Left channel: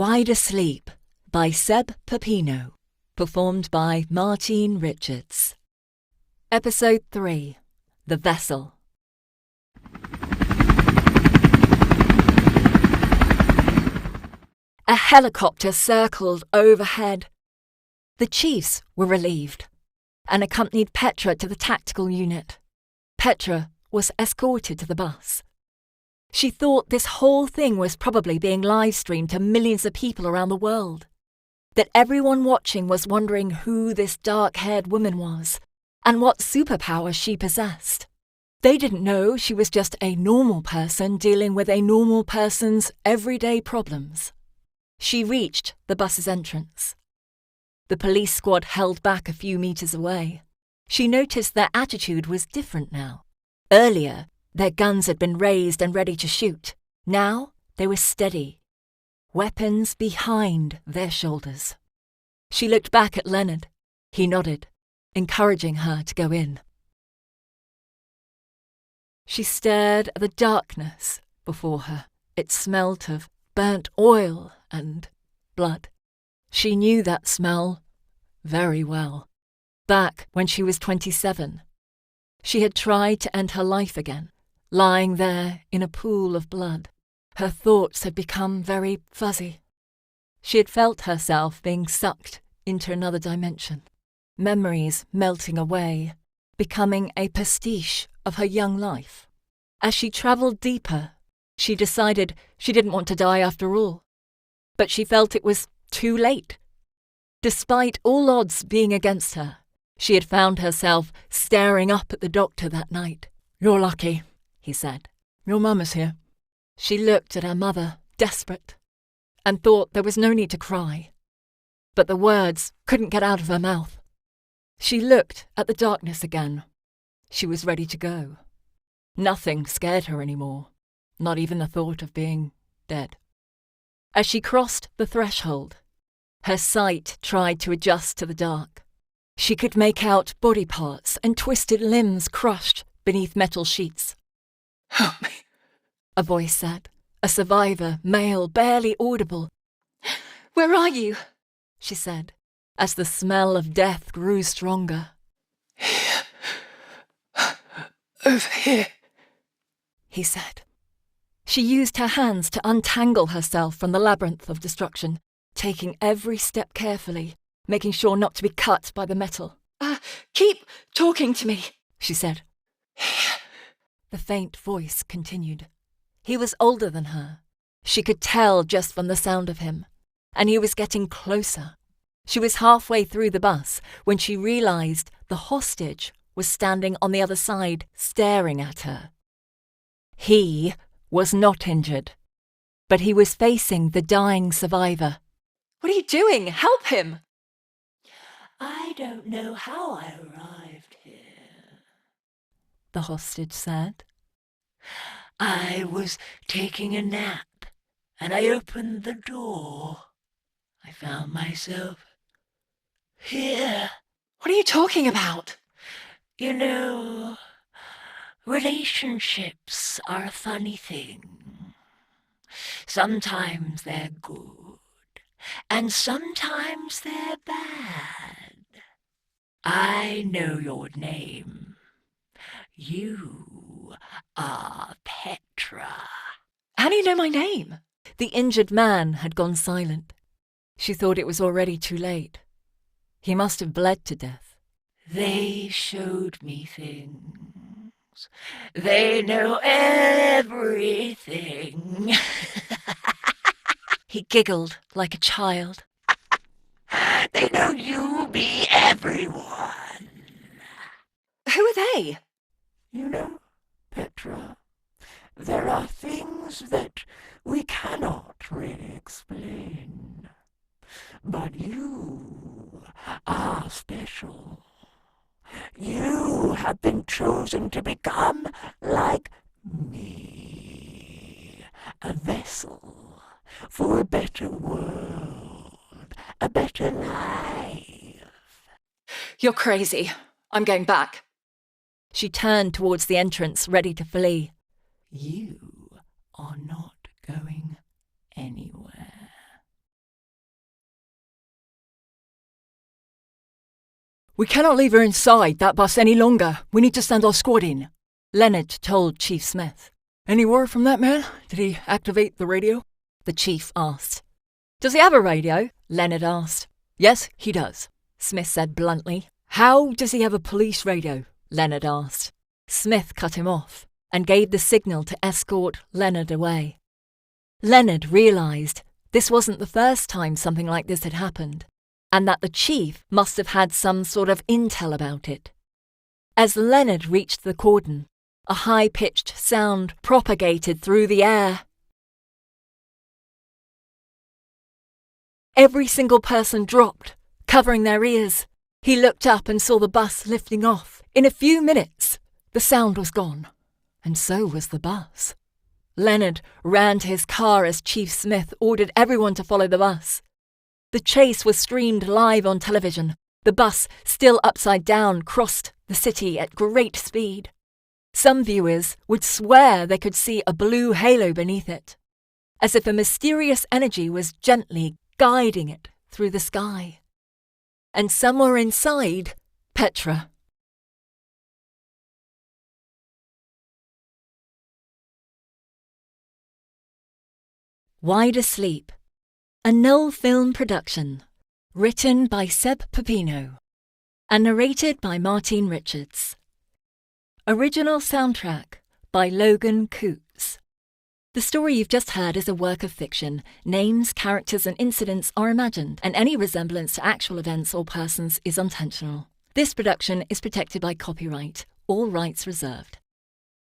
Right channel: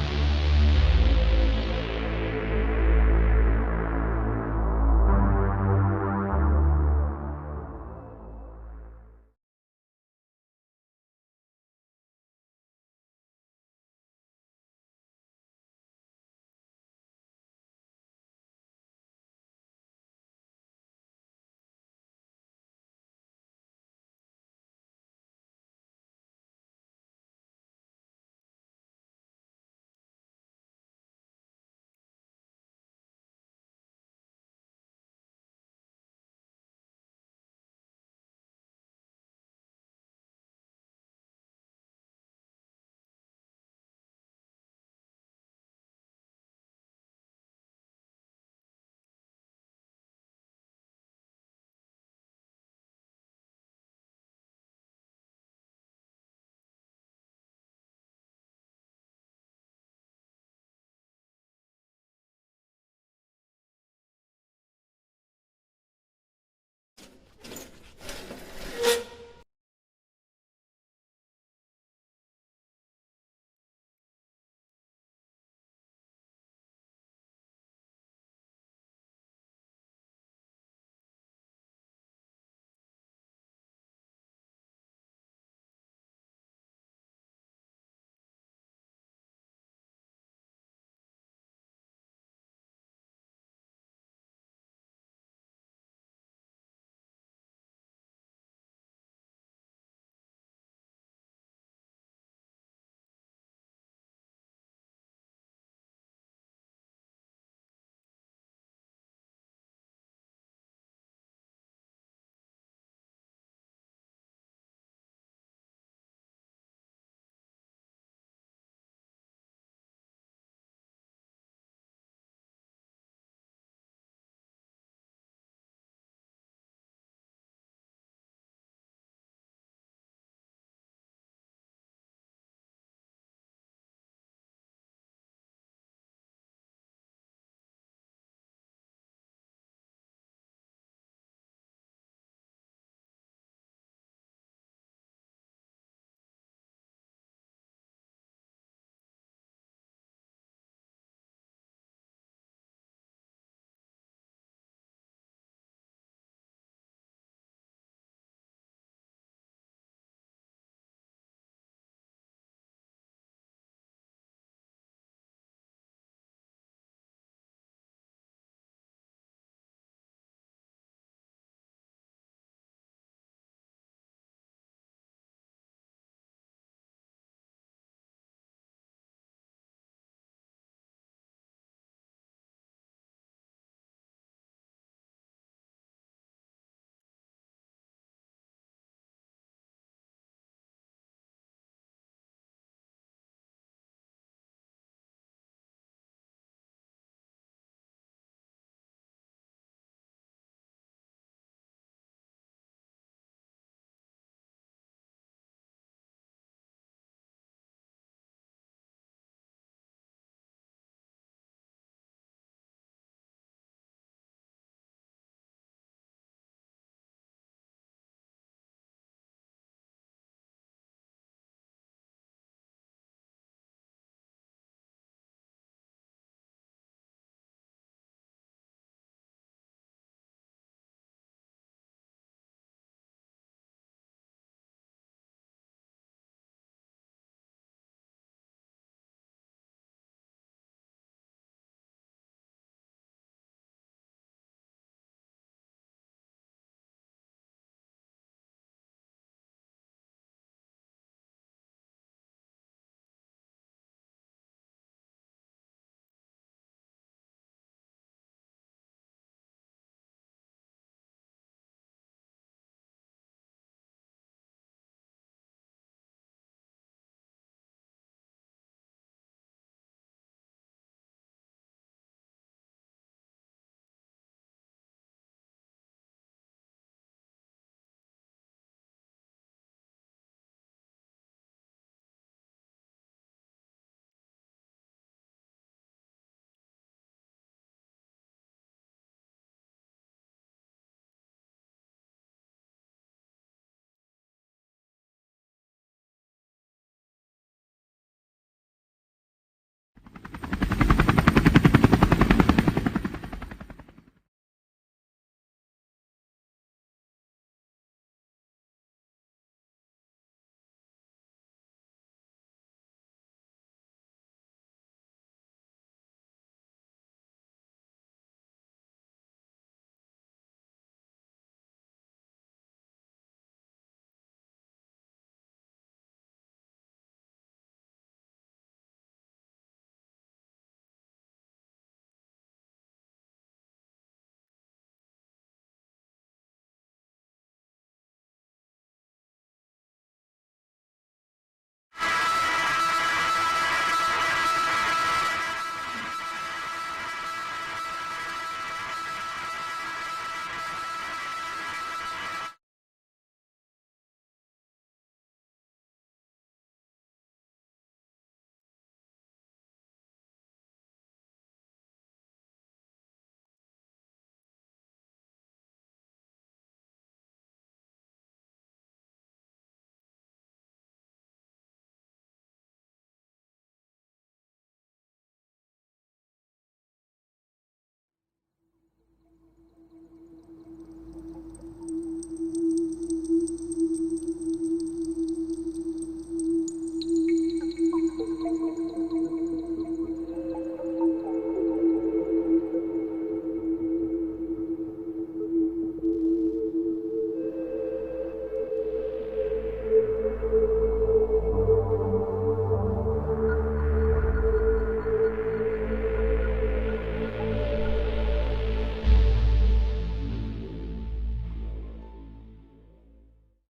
Wide Asleep by Seb Pepino, performed by Martine Richards. Episode 3, The Vessel. A helicopter circled overhead. The chiefs were relieved and accompanied Petra to the tactical unit. Petra was escorted to the bus. She thought this whole thing was probably being live-streamed to millions of people around the world. That everyone watching was wondering who this dark-haired woman was and what superpower she possessed. They didn't know she was just a normal person dealing with a normal person's everyday problems. She reached the bus's entrance. The police squad held back a few meters away. She noticed their attitude was different now. Earlier, their guns had been raised and ready to shoot. Now, they were steady, weapons behind their shoulders. She looked back at Leonard. He nodded, encouraging her to go in. She stared at the darkness before her. It smelt of burnt oil and blood. She knew that smell very well. Back when she was 27, she had tried to end her life again, lying there in a pool of blood. Her thoughts had become very fuzzy. She had felt herself being sucked into another dimension, memories melting away, becoming a pastiche of her young life. As she travelled deeper, she decided she didn't want to die after all. But she felt it was too late. Despite all odds being against her, she had found herself staring up at the doctor that night. "You're lucky," he said. "Your mum is here." She looked at her mother, desperate, and thought there was no need to cry. But the words couldn't get out of her mouth. She looked at the darkness again. She was ready to go. Nothing scared her anymore, not even the thought of being dead. As she crossed the threshold, her sight tried to adjust to the dark. She could make out body parts and twisted limbs crushed beneath metal sheets. "Help me," a voice said, a survivor, male, barely audible. "Where are you?" she said, as the smell of death grew stronger. "Here. Over here," he said. She used her hands to untangle herself from the labyrinth of destruction, taking every step carefully, making sure not to be cut by the metal. Keep talking to me," she said. "Here." The faint voice continued. He was older than her. She could tell just from the sound of him. And he was getting closer. She was halfway through the bus when she realized the hostage was standing on the other side, staring at her. He was not injured, but he was facing the dying survivor. "What are you doing? Help him!" "I don't know how I arrived here," the hostage said. "I was taking a nap, and I opened the door. I found myself here." "What are you talking about?" You know, relationships are a funny thing. Sometimes they're good, and sometimes they're bad. I know your name. You are Petra. "How do you know my name?" The injured man had gone silent. She thought it was already too late. He must have bled to death. They showed me things. They know everything. He giggled like a child. They know you be everyone. "Who are they?" You know, Petra, there are things that we cannot really explain. But you are special. You have been chosen to become like me, a vessel for a better world, a better life. "You're crazy. I'm going back." She turned towards the entrance, ready to flee. You are not going anywhere. We cannot leave her inside that bus any longer. We need to send our squad in, Leonard told Chief Smith. Any word from that man? Did he activate the radio? The chief asked. Does he have a radio? Leonard asked. Yes, he does, Smith said bluntly. How does he have a police radio? Leonard asked. Smith cut him off and gave the signal to escort Leonard away. Leonard realised this wasn't the first time something like this had happened, and that the chief must have had some sort of intel about it. As Leonard reached the cordon, a high-pitched sound propagated through the air. Every single person dropped, covering their ears. He looked up and saw the bus lifting off. In a few minutes, the sound was gone, and so was the bus. Leonard ran to his car as Chief Smith ordered everyone to follow the bus. The chase was streamed live on television. The bus, still upside down, crossed the city at great speed. Some viewers would swear they could see a blue halo beneath it, as if a mysterious energy was gently guiding it through the sky. And somewhere inside, Petra. Wide Asleep, a Null film production, written by Seb Pepino and narrated by Martine Richards. Original soundtrack by Logan Coots. The story you've just heard is a work of fiction. Names, characters and incidents are imagined, and any resemblance to actual events or persons is intentional. This production is protected by copyright, all rights reserved.